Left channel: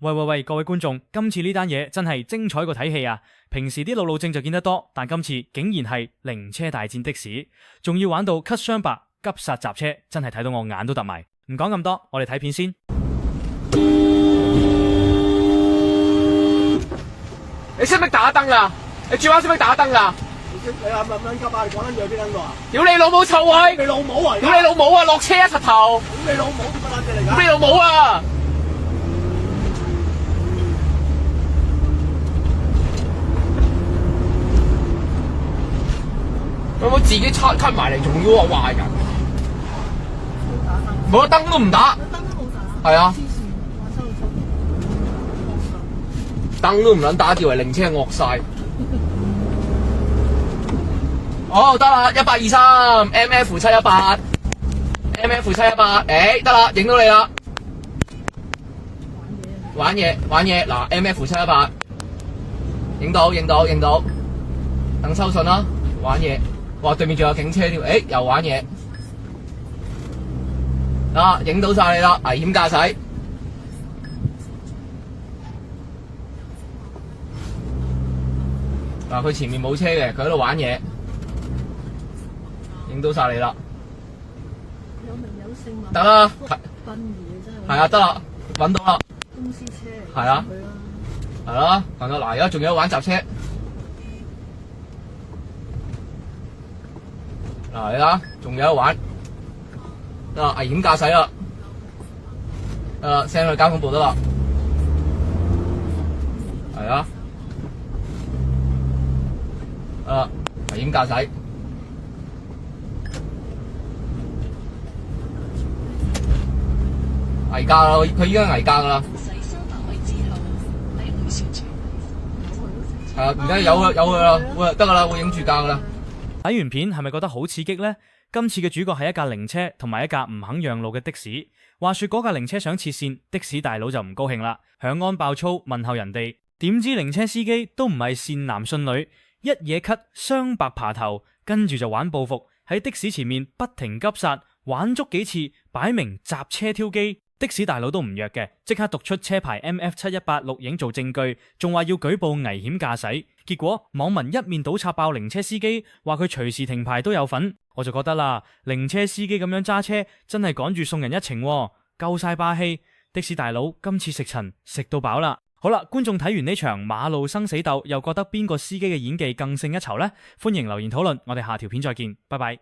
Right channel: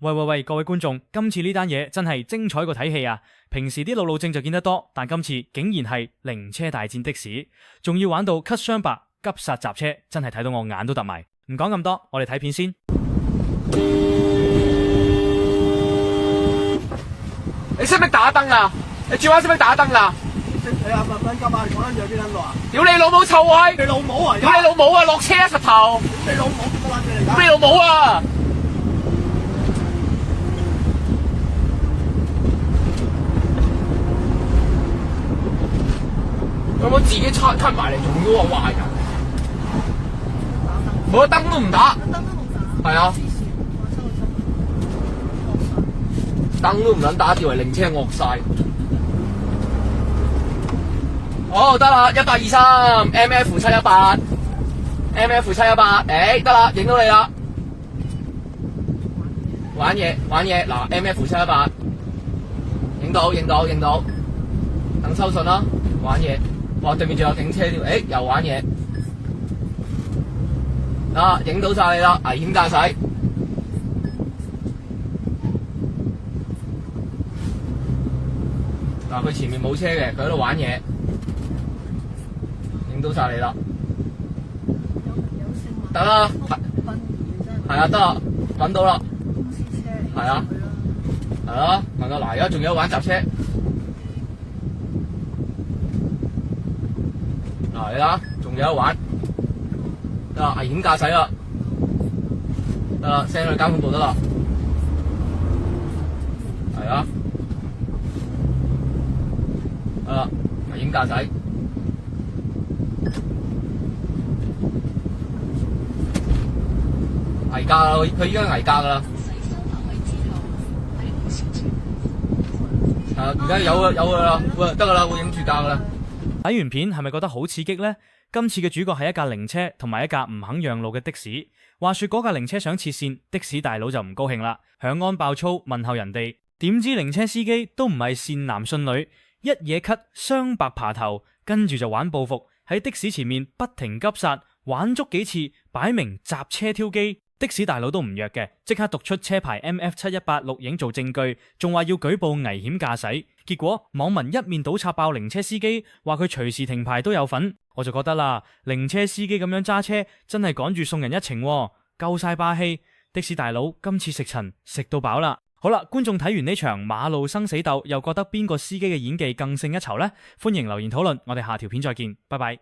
喂，各位觀眾，今次呢單嘢真係精彩過睇戲啊！平時啲路怒症就見得多，但今次竟然係靈車大戰的士，仲要玩到咳雙白、急剎閘車，真係睇到我眼都突埋。唔講咁多，我哋睇片先。你識唔識打燈啊？你轉彎識唔識打燈啊？你立撚金啊！你講撚住喺邊撚度啊？屌你老母臭閪！你老母啊！屌你老母啊！落車啊！實頭！你老母點乜撚嘢嚟㗎？屌你老母啊！有冇自己cut埋嚟，仲要話壞人？冇得燈都唔打，燈都冇打。係啊，燈都唔撚打，以為靈車惡晒。哦，得啦，1823 MF 718，得啦，影到你啦。玩嘢，嗱 MF 718，影到，等收信啦，玩嘢。哇！對面仲有警車添，又玩嘢，影到晒你啦，危險駕駛。嗱，佢前面冇車嘅，佢喺度玩嘢，影到晒你啦。有名有姓嘛？得啦，殯儀真係。係啊，得啦，揾到啦。公司車。係啊。係啦，問到嗱，而家仲有玩雜車。嗱，你啦，仲有得玩，得啦，危險駕駛啦，得啦 ，send 去交通部得啦，係啊，危險駕駛，危駕啦，佢依家危駕噶啦，係啊，而家有佢啦，會得噶啦，會影住架噶啦。睇完片係咪覺得好刺激呢？今次嘅主角係一架靈車同埋一架唔肯讓路嘅的士。話說嗰架靈車想切線，的士大佬就唔高興啦，響安爆粗問候人哋。點知靈車司機都唔係善男信女，一嘢咳雙白爬頭，跟住就玩報復，喺的士前面不停急剎，玩足幾次，擺明閘車挑機。的士大佬都唔弱嘅，即刻讀出車牌 MF718錄影做證據，仲話要舉報危險駕駛。結果網民一面倒插爆靈車司機，話佢隨時停牌都有份。我就覺得啦，靈車司機咁樣揸車真係趕住送人一程喎，夠晒霸氣。的士大佬今次食塵食到飽啦。好啦，觀眾睇完呢場馬路生死鬥，又覺得邊個司機嘅演技更勝一籌呢？歡迎留言討論，我哋下條片再見，拜拜。